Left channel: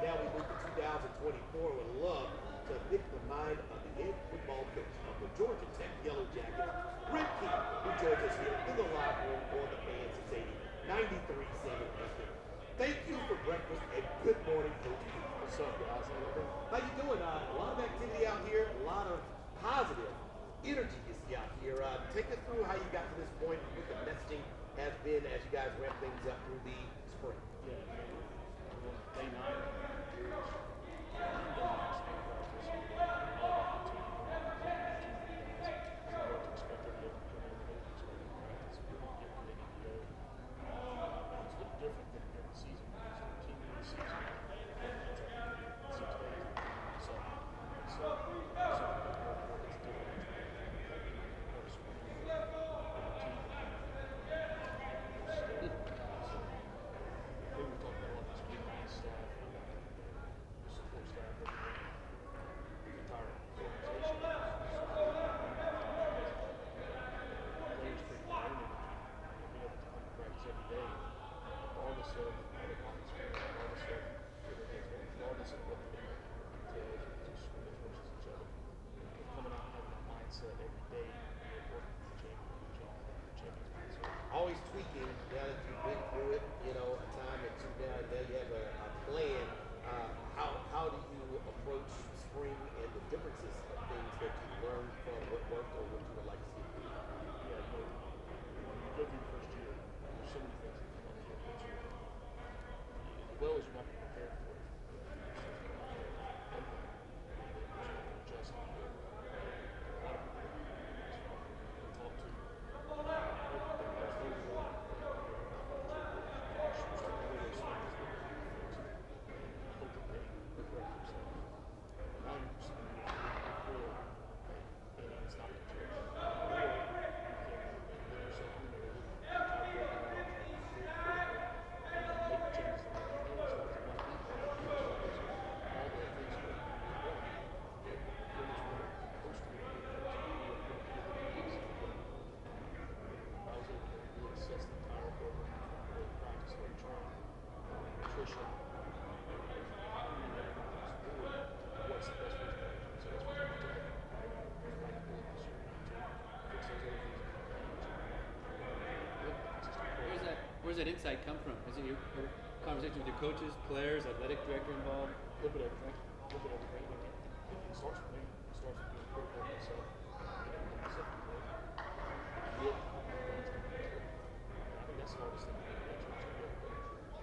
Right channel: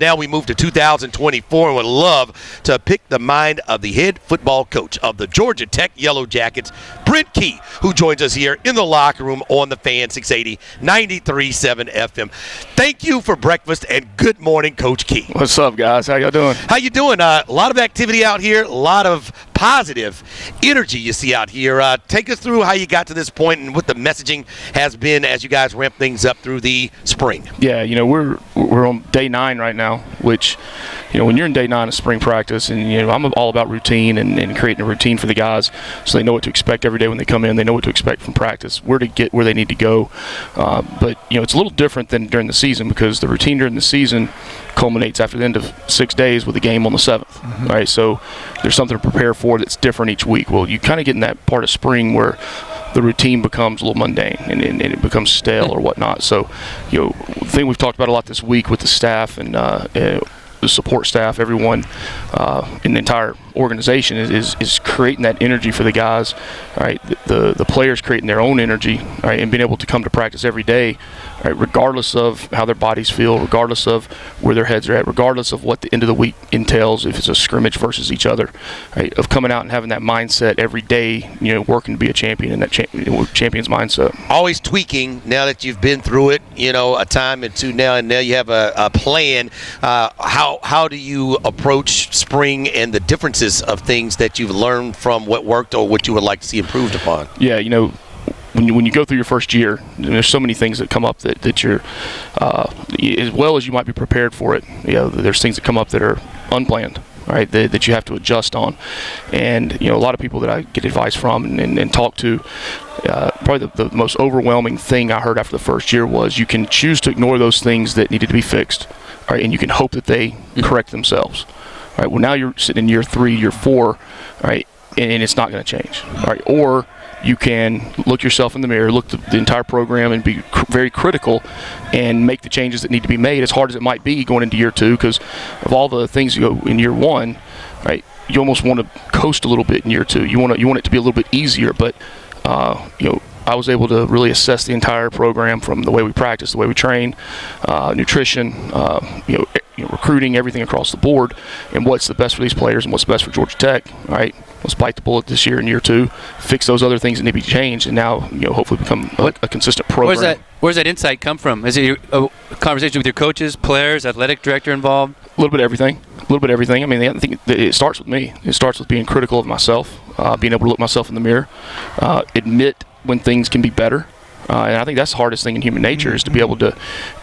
Now we move to 2024 and would love to pick the mind of the head football coach of the Georgia Tech Yellow Jackets, Brent Key, who joins us here in the locker room on the Fan 680 93.7 FM. Thank you for breakfast and good morning, Coach Key. What's up, guys? How y'all doing? How you doing? A lot of activity out here, a lot of positive energy you see out here. Take us through how you got to this point and what the messaging has been as you guys ramp things up through the spring. Yeah, we're on day 9 right now, which, when you're in day 9 of spring practice, and, I'm all about routine and creating a routine for the guys so they know what to expect every day when they come in. They know what to expect from practice, where to get where they need to go. But, it's a little different than during the season because the routine during the season culminates after the end of 6 days with a game on the 7th, right? So there's something to prepare for that's different each week. Well, you kind of get in that part of spring where the routine becomes a little mundane and it becomes stale or whatnot. So, the thing we've talked about a lot this week with the staff and the support staff, everyone in the entire organization is creating that energy for the guys, right? The players creating their own energy, right, and being able to come to practice every day, right, regardless of how their bodies feel, regardless of where their heads are at, regardless of what the end of the week entails, if it's a scrimmage versus each other, right, of coming out and having that mindset every day, working to be a champion in that champion's mindset. Always tweaking now that you've been through it, a time and two now, and now you have a plan. How do you approach spring and the differences of things that you've learned from what worked or what you would like to see improved upon? Yeah, when you go through your first year, there's so many things that come up that you're, as well as you might be prepared for it, there's things that come up that are unplanned, right, that you have to adjust on. And, a lot of people that I get advice from and talk to, probably the most overwhelming thing I heard after the first year was you can choose to ignore those things that needed to be fixed, right, and you can hope that they correct themselves. Right, well, now you're sitting in year 3, year 4, right, and it's not going to change, right? Or you can look yourself in the mirror, look at the entire program, and be very critical and make the changes that need to be made, as hard as it might be going into year 2, because of all the things you go in year 1, right? You almost want to coast a little bit in year 2. You want it to be a little bit easier, but I was able to really assess the entire program from the way we practice, the way we train, nutrition, recruiting, everything across the board, and what's the best for these players and what's best for Georgia Tech. All right, let's bite the bullet this year in year 2, fix those other things that need to be changed, and now hopefully become a consistent program. Where's that insight come from? Is it a conversation with your coaches, players, athletic director involved? A little bit of everything. I mean, I think it starts with me. It starts with being critical of myself, being able to look myself in the mirror, admit when things can be better. And I think that's the hardest thing in human nature is to be able to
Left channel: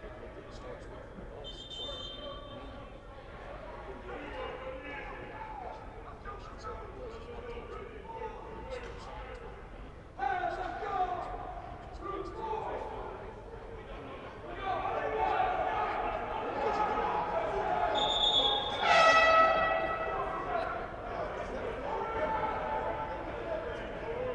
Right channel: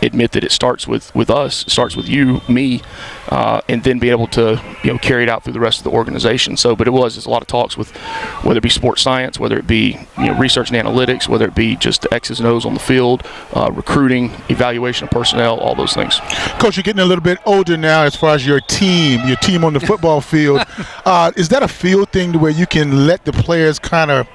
admit that it starts with us, it starts with you, me, and then be able to carry it out through the rest of the organization. So, but there's a lot of talks with whether it be sports science, whether it be research and analytics, whether it be just the X's and O's on the field, recruiting, evaluation of personnel, all those things. Coach, you're getting a little bit older now as far as your team on the football field. Is that a field thing to where you can let the players kind of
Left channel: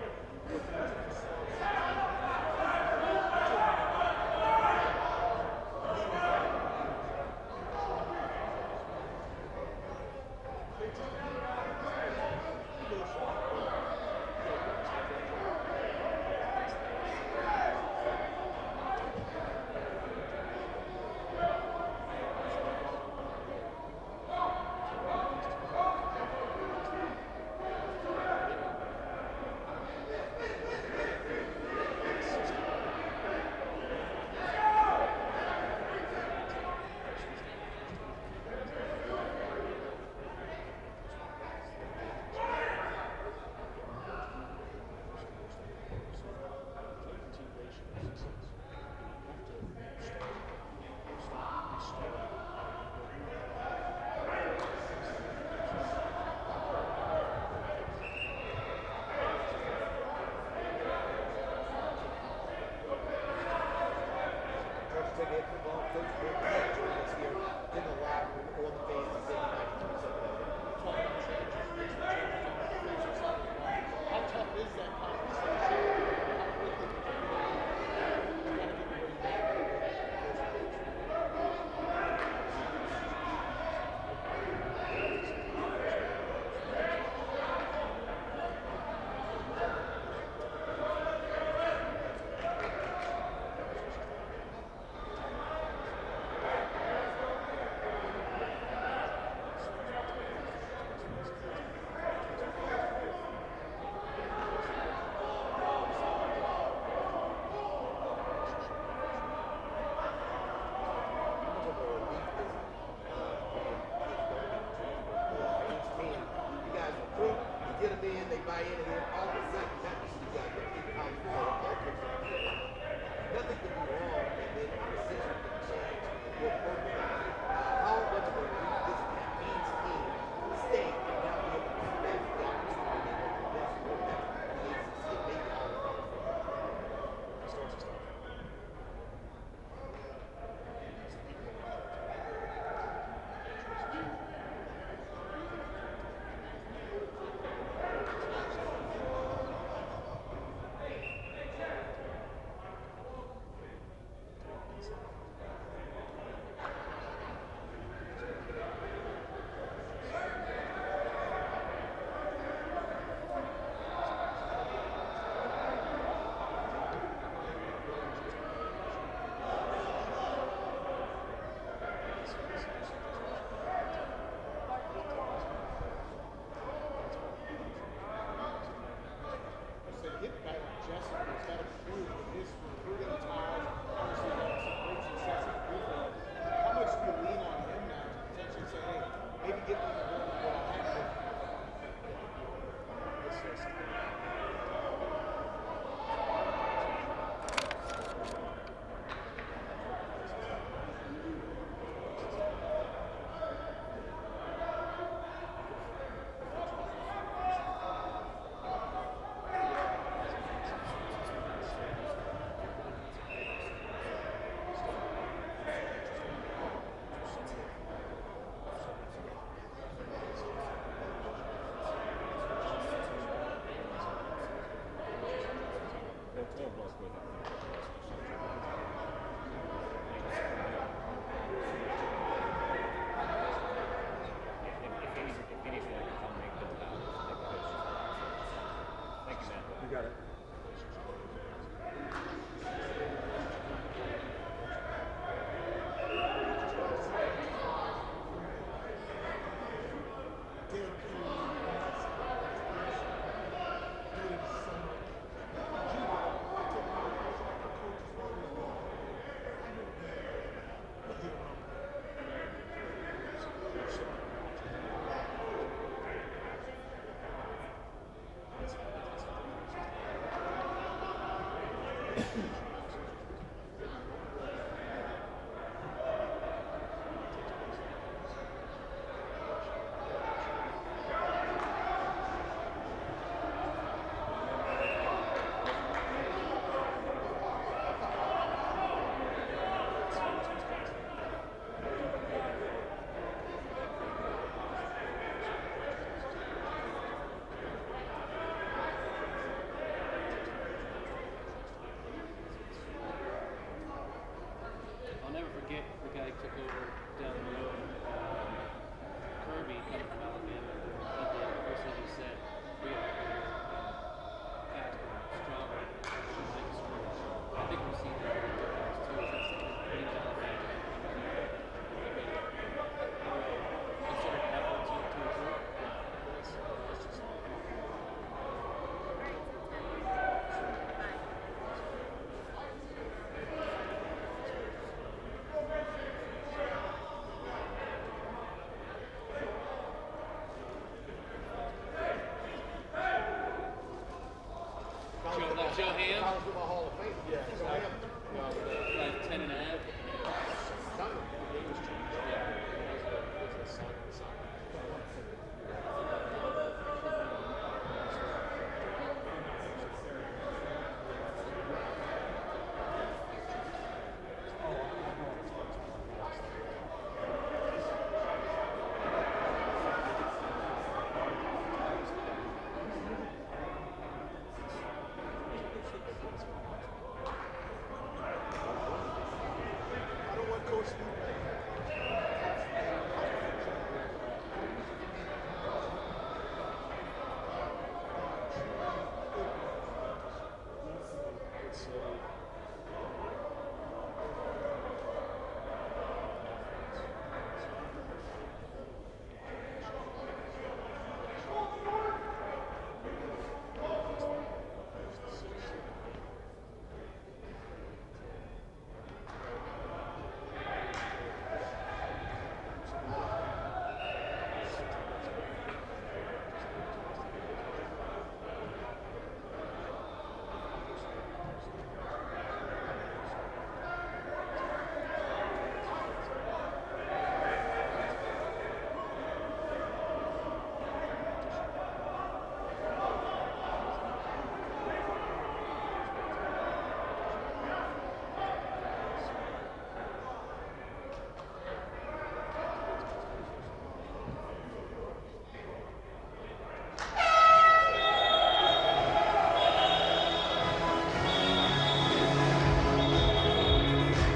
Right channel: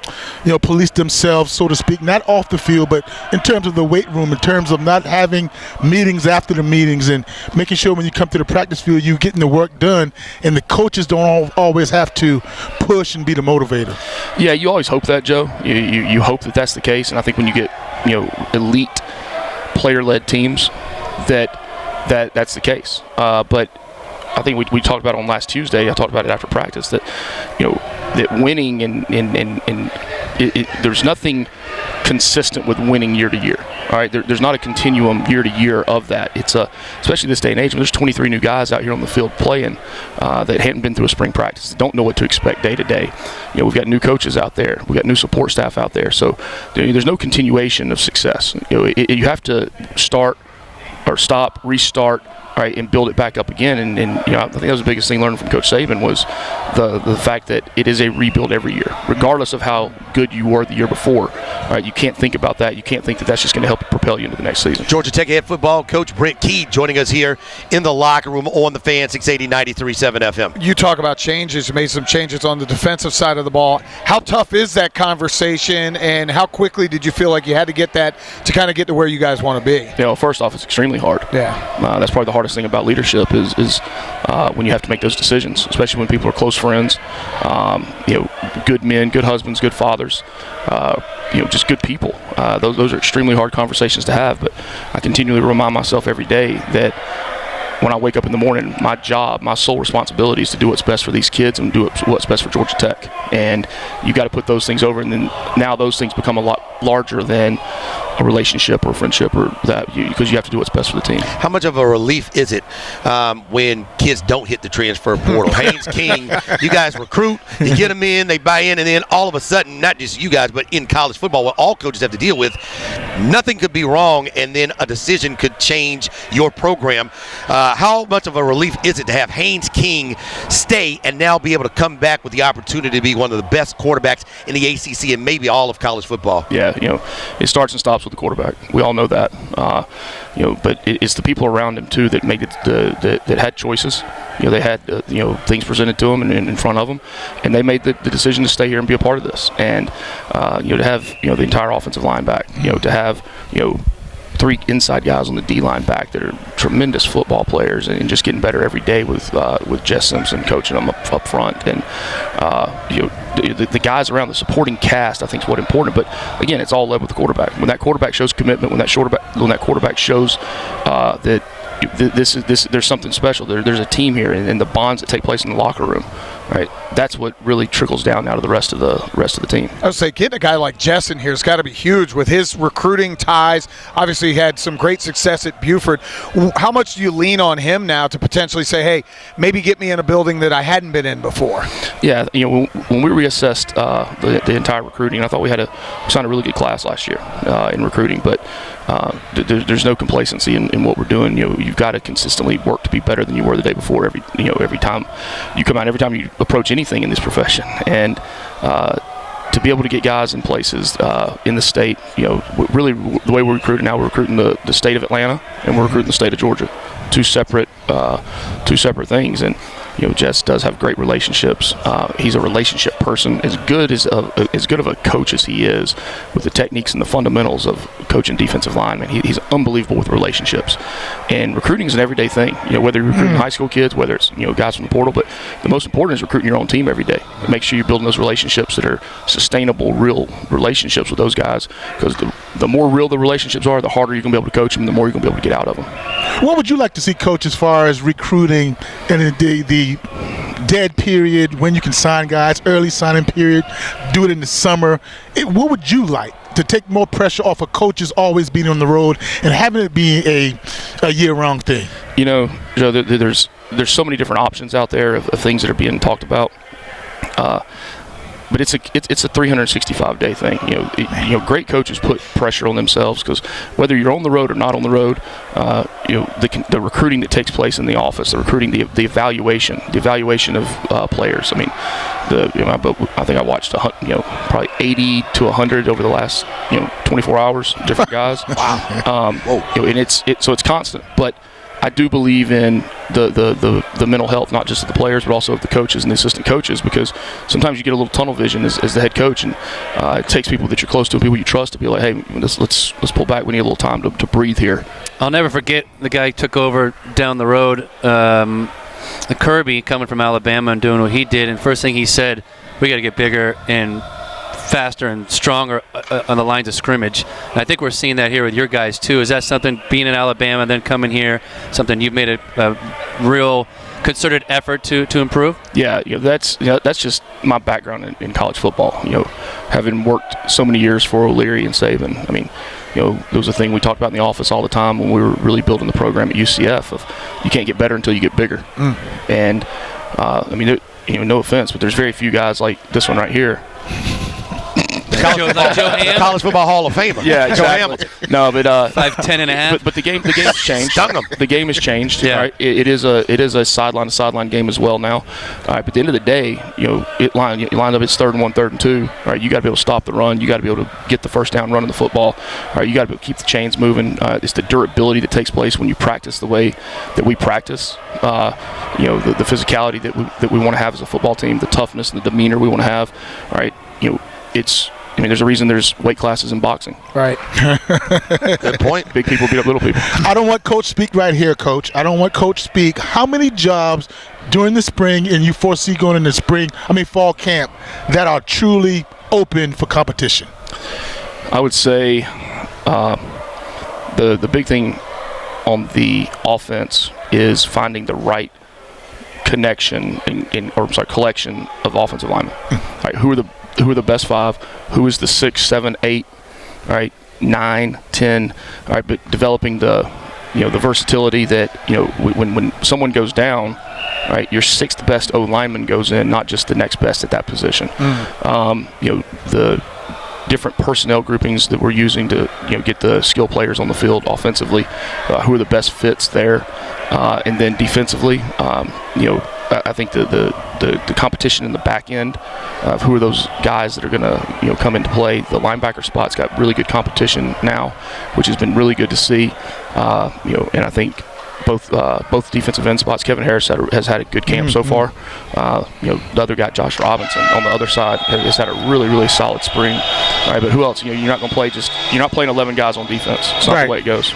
police themselves, so to speak, not off the field, but in terms of the weight room, in terms of not having meetings after the meetings and making sure when you come to the practice field you're getting the work done and the coaches don't always have to push and be the motivator? Yeah, you always hope that, Joe. You hope that that's the case, and I think when you get elite player-led teams that's the case. But I think we talked about it on last Tuesday. I talked about it after practice that that winning and there's nothing consistent with winning year to year. All right, there's not a continuum year to year of that. It's especially this day and age when there's 23 new guys out here on the field playing that hadn't been through a spring practice, don't know what to expect day to day. We've got new coaches out there, we've got new support staff out there, so there's no continuation of success. You have to start or stop, restart, right, and build it back up again. And I think that was the biggest thing learning from Coach Saban was the fact that it is a rebuild every year, regardless of how good you were the year before. Right, you can't think about that. You can't think that that's just going to help propel you into the next season. Georgia Tech head football coach Brent Key joining us here in the locker room on the Fan 680 93.7 FM. You talk about changes. You made some changes on the defensive side of the ball. How tough is that conversation, and how quickly did you feel like you had to get that to kind of get to where you guys want to be? First off, it's extremely hard. Yeah. That's probably the hardest thing about leadership is when you have to make those decisions, especially when people are close friends, good men, good husbands, good fathers, just good people. Those are extremely hard conversations to have, but I continually remind myself every day that when I wake up in the morning, my job, my sole responsibility is to do what's best for these kids and do what's best for Georgia Tech. And you got to put those things over, and then now those things become a lot larger than a relationship or a friendship or that, because you have to do what's best for the team. How much of a relief is it when kids don't hit the transfer portal? Haynes King, you guys recruit, you get them in, they buy in, and then all of a sudden, not just you guys, but in college football, what all coaches have to deal with, nothing could be wrong, and then a decision could change your program. How much of a relief is it to have Haynes King stay and now be able to come back with the opportunity to be one of the best quarterbacks in the ACC and maybe all of college football? Yeah, it starts and stops with the quarterback. We all know that. But it's the people around him too that made it that had choices. They had things presented to them and in front of them, and they made the decision to stay here and be a part of this. And to have the entire offensive line back, to have 3 inside guys on the D-line back that are tremendous football players and just getting better every day with Jess Simpson coaching them up front. And the guys around the supporting cast, I think, is what's important. But again, it's all led with the quarterback. When that quarterback shows commitment, when that quarterback shows that there's something special. There's a team here, and the bonds that take place in the locker room, right? That's what really trickles down now to the rest of the team. I would say getting a guy like Jess in here has got to be huge with his recruiting ties. Obviously, he had some great success at Buford. How much do you lean on him now to potentially say, hey, maybe get me in a building that I hadn't been in before? Yeah, when we reassessed the entire recruiting, I thought we signed a really good class last year in recruiting, but there's no complacency in what we're doing. You've got to consistently work to be better than you were the day before. Every time you come out, every time you approach anything in this profession, and to be able to get guys in places in the state. Really the way we're recruiting now, we're recruiting the state of Atlanta and we're recruiting the state of Georgia, two separate things. And Jess does have great relationships. He's a relationship person, as good of a coach as he is with the techniques and the fundamentals of coaching defensive linemen. He's unbelievable with relationships. And recruiting is an everyday thing. Whether you're recruiting high school kids, whether it's guys from the portal, but the most important is recruiting your own team every day. Make sure you're building those relationships that are sustainable, real relationships with those guys. Because the more real the relationships are, the harder you're going to be able to coach them, the more you're going to be able to get out of them. What would you like to see, Coach, as far as recruiting and the dead period, when you can sign guys, early signing period, do it in the summer? What would you like to take more pressure off of coaches always being on the road and having it be a year-round thing? Joe, there's so many different options out there of things that are being talked about. But it's a 365-day thing. Great coaches put pressure on themselves because whether you're on the road or not on the road, the recruiting that takes place in the office, the recruiting, the evaluation of players. I mean, I think I watched probably 80 to 100 over the last 24 hours, different guys. Wow. And it's constant, but I do believe in the mental health, not just of the players, but also of the coaches and the assistant coaches, because sometimes you get a little tunnel vision as the head coach, and it takes people that you're close to and people you trust to be like, hey, let's pull back. We need a little time to breathe here. I'll never forget the guy who took over down the road, Kirby, coming from Alabama and doing what he did, and first thing he said, we got to get bigger and faster and stronger on the lines of scrimmage. And I think we're seeing that here with your guys too. Is that something, being in Alabama and then coming here, something you've made a real concerted effort to improve? Yeah, that's just my background in college football. Having worked so many years for O'Leary and Saban. I mean, there was a thing we talked about in the office all the time when we were really building the program at UCF of you can't get better until you get bigger. And I mean, no offense, but there's very few guys like this one right here. College football Hall of Famer. Yeah, exactly. No, but 5'10" and a half. But the game's changed. Stung him. The game has changed. Yeah. Right? It is a sideline to sideline game as well now. All right, but at the end of the day, you line up. It's 3rd and 1, 3rd and 2. All right, you got to be able to stop the run. You got to be able to get the first down running the football. All right, you got to keep the chains moving. It's the durability that takes place when you practice the way that we practice. The physicality that we want to have as a football team, the toughness and the demeanor we want to have. All right, there's a reason there's weight classes in boxing. Right. Good point. Big people beat up little people. I don't want Coach speak right here, Coach. I don't want Coach speak. How many jobs during the spring and you foresee going in the fall camp that are truly open for competition? I would say the big thing on the offense is finding the right connection collection of offensive linemen. Right, who are the best 5? Who is the 6, 7, 8, right, 9, 10? All right, but developing the versatility that when someone goes down, right, your 6th best O lineman goes in, not just the next best at that position. The different personnel groupings that we're using to get the skill players on the field offensively, who are the best fits there, and then defensively, I think the competition in the back end of who are those guys that are going to come into play. The linebacker spot's got really good competition now, which has been really good to see. And I think both defensive end spots. Kevin Harris has had a good camp so far. The other guy, Josh Robinson, on the other side has had a really, really solid spring. All right, but who else? You're not going to play you're not playing 11 guys on defense. It's not the way it goes.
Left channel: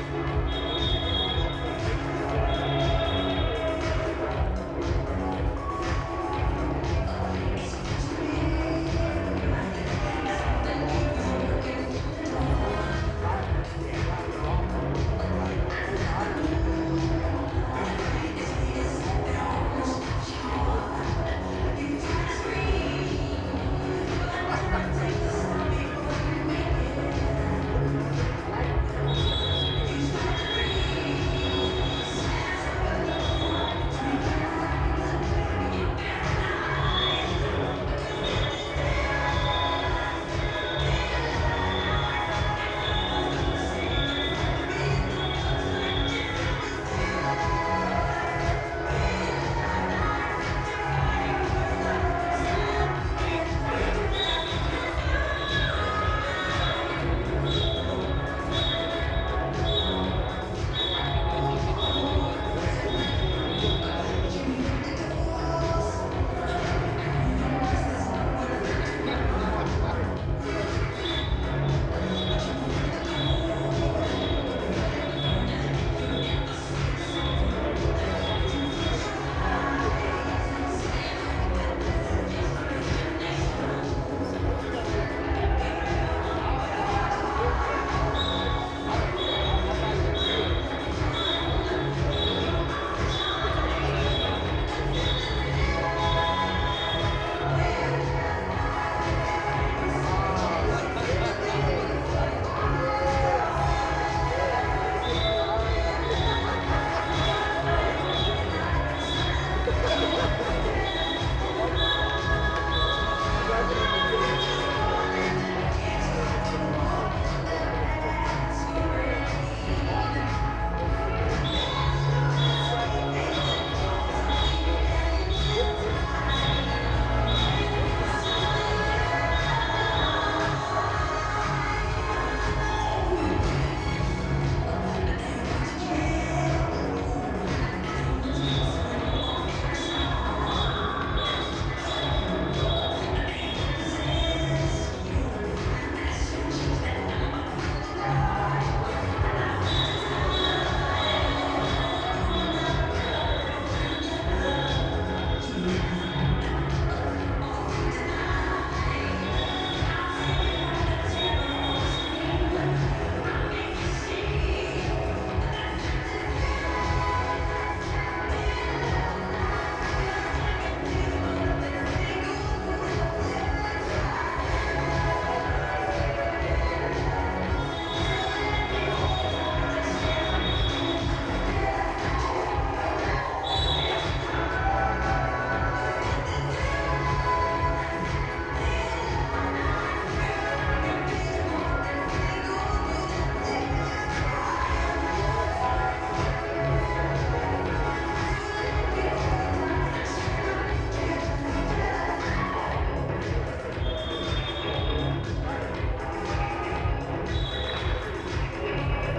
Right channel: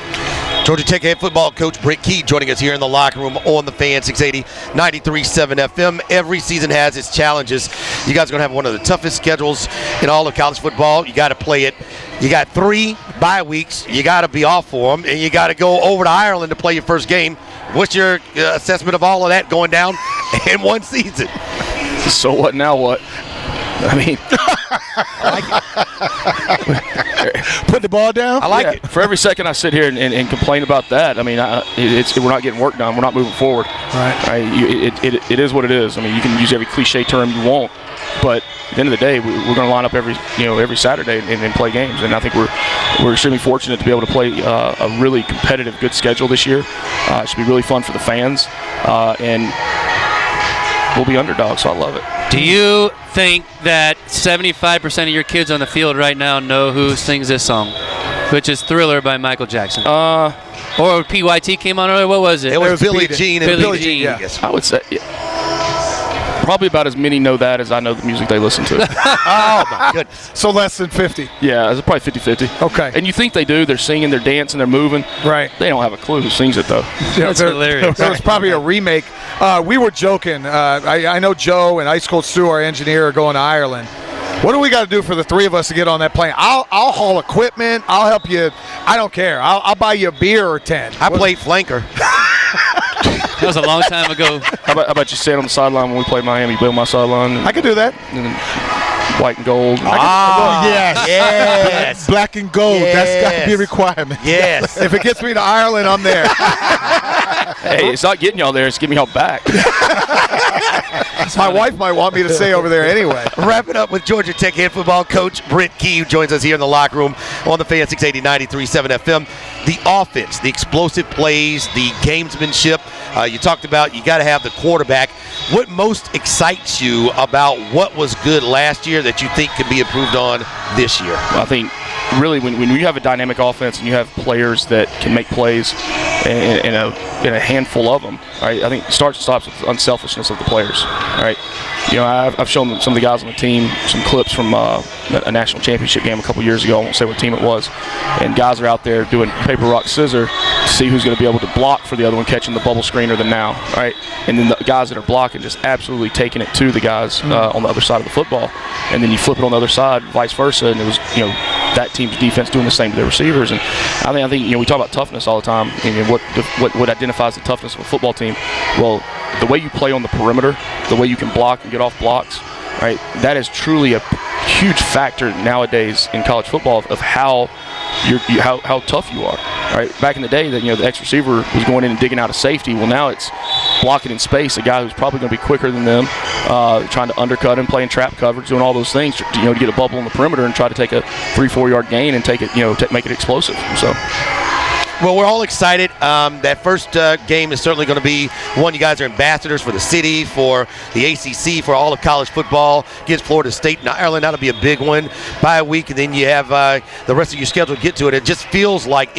Georgia Tech head football coach Brent Key joining us here in the locker room on the Fan 680 93.7 FM. Every season has its challenges. You guys are going to have one of the toughest schedules in all of college football. You got to play it. You got 3 bye weeks. You got to be off for them, and you got to go over to Ireland to play your first game. What's your assessment of all of that going down in one season? So what? Now what? I mean, put the ball down. I like it. For every second I sit here and complain about that, I mean, we're not getting work done. We're not moving forward. Right. It is what it is. I mean, you can use every cliche term you want, but at the end of the day, we're going to line up every Saturday and play games. And I think we're extremely fortunate to be able to play a really competitive, good schedule this year. It should be really fun for the fans, and we'll be underdogs, so I love it. Do you think that 75% of your kids on the field right now know who sings this song, which is Thriller by Michael Jackson? Or PYT came on earlier? What was it? It was Billie Jean. Billie Jean. Yes. I would say probably about as many know that as I know the music they listen to. Oh, my goodness. So less than 50. Yeah, it's probably 50-50. Okay. And you think they do. They're singing, they're dancing, they're moving. Right. They don't have a clue who sings it, though. That's hilarious. There was probably a remake. We were joking. I know Joe and Ice Cold Stu, our engineer, are going to Ireland. What do we got to do for the 3 of us to get on that plane? I'll haul equipment. I'll help you. I don't care. I'll buy you a beer or 10. I played flanker. That was a long time ago. How about you stand on the sideline when we play Miami, build my sideline? I could do that. White and gold. Yes. Yes. Black and gold. Yes. That's got to be a requirement. Yes. If it gets me to Ireland, I'm there. Hey, it's not getting y'all there. It's getting y'all back. My wife might want me to stay over there anyway. Wrapping up with Georgia Tech head football coach Brent Key, who joins us here in the locker room on the Fan 680 93.7 FM. The offense, the explosive plays, the gamesmanship. You talked about you got to have the quarterback. What most excites you about what was good last year that you think could be improved on this year? I think really when you have a dynamic offense and you have players that can make plays in a handful of them, right? I think it starts and stops with unselfishness of the players, right? I've shown some of the guys on the team some clips from a national championship game a couple years ago. I won't say what team it was. And guys are out there doing paper, rock, scissors to see who's going to be able to block for the other one catching the bubble screener than now, right? And then the guys that are blocking just absolutely taking it to the guys on the other side of the football. And then you flip it on the other side, vice versa, and it was that team's defense doing the same to their receivers. And I think we talk about toughness all the time. And what identifies the toughness of a football team? Well, the way you play on the perimeter, the way you can block and get off blocks, right? That is truly a huge factor nowadays in college football of how tough you are. Right? Back in the day, the ex receiver was going in and digging out a safety. Well, now it's blocking in space. A guy who's probably going to be quicker than them, trying to undercut him, playing trap coverage, doing all those things to get a bubble on the perimeter and try to take a 3-4 yard gain and take it, make it explosive. So. Well, we're all excited. That first game is certainly going to be one. You guys are ambassadors for the city, for the ACC, for all of college football. Against Florida State and Ireland, that'll be a big one. By a week, and then you have the rest of your schedule to get to it. It just feels like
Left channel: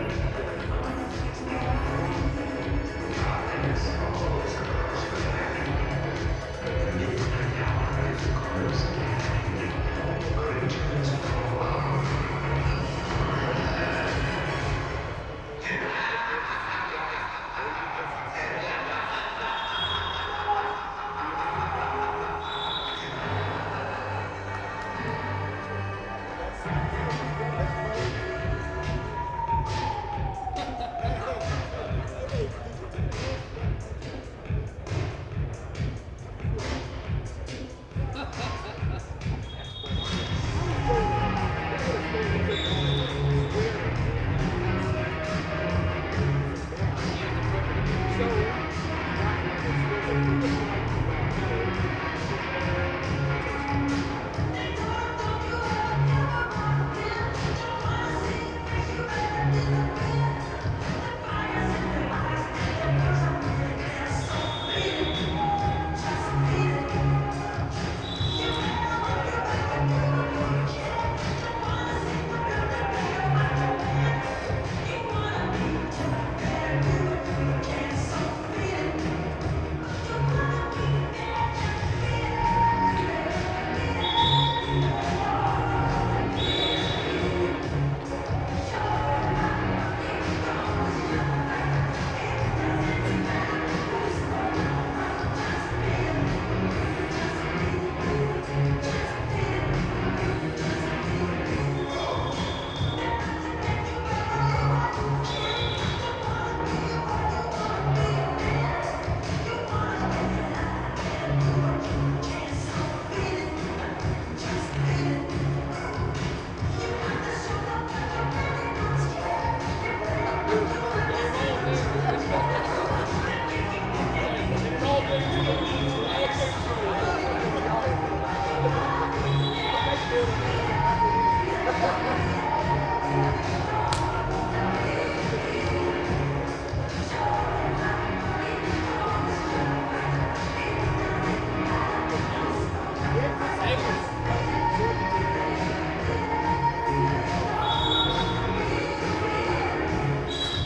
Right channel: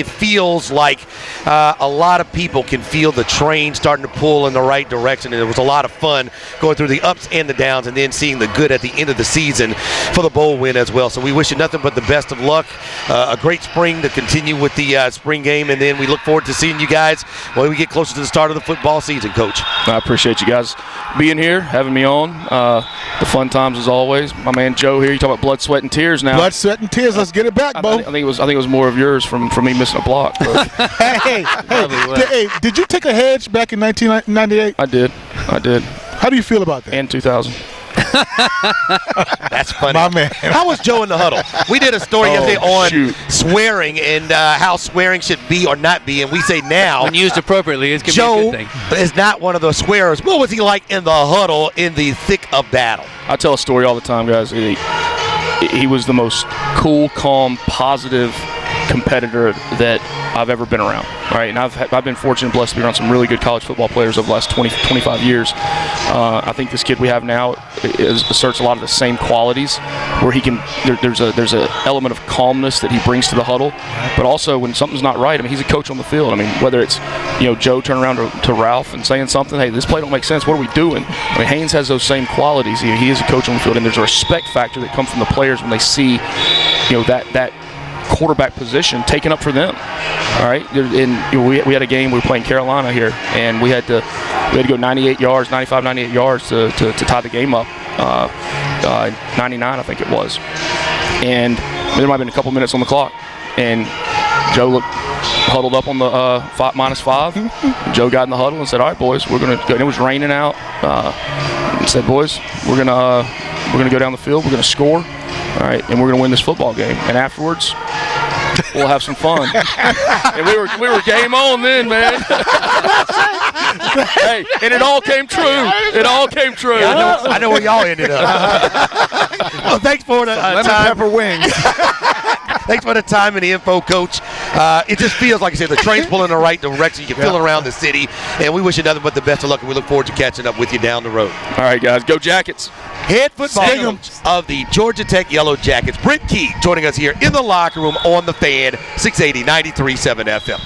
a lot of people can feel the train starting to pull in the right direction. And it was a lot of fun going through the ups and the downs, and then seeing the good at the end of the season for the bowl win as well. So we wish you nothing but the best of luck. A great spring to continue with the spring game. game, and then we look forward to seeing you guys when we get closer to the start of the football season, Coach. I appreciate you guys being here, having me on. The fun times as always. My man Joe here, you talk about blood, sweat, and tears now. Blood, sweat, and tears. Let's get it back, Bo. I think it was more of yours from me missing a block. But hey, did you take a hedge back in 1998? I did. How do you feel about that? And 2000. That's funny. My man. How was Joe in the huddle? We did a story yesterday on shoot. swearing and how swearing should be or not be, and we say now When used appropriately, it can be a Joe good thing. is not one of the swearers. What was he like in the huddle in the thick of battle? I tell a story all the time, guys. He was the most cool, calm, positive competitor that I've ever been around, right? And I've been fortunate, blessed to be around some really good college football players over the last 20, 25 years. I think this kid we have now asserts a lot of the same qualities, where he can. There's a element of calmness that he brings to the huddle, but also when something's not right. I mean, he's a coach on the field. I mean, whether it's Joe turning around to Ralph and saying something, hey, this play don't make sense. What are we doing? I mean, Haynes has those same qualities. He is a coach on the field, and there's a respect factor that comes from the players when they see, that quarterback position taken up for them. All right, and we had a game. We were playing Carolina here, and we had to go 98 yards, 95, 98 yards to tie the game up. 99, I think it was. And there might have been a couple minutes on the clock, and Joe looked huddled up on the -5. Joe got in the huddle and said, "All right, boys, we're gonna go." And it was raining out. He said, "Boys, we're gonna go down the field. We're gonna score. All right, and we're gonna win this football game. And afterwards, we'll have some fun." And we were game on then, man. Hey, and it all came true. It all came true. Yeah, I know where y'all ended up. Well, thanks for the Lemon time. pepper wings. Thanks for the time and the info, Coach. It just feels like I said, the train's pulling in the right direction. You can feel around the city, and we wish you nothing but the best of luck, and we look forward to catching up with you down the road. All right, guys, go Jackets. Head football coach of the Georgia Tech Yellow Jackets, Brent Key, joining us here in the locker room on the Fan, 680 93.7 FM.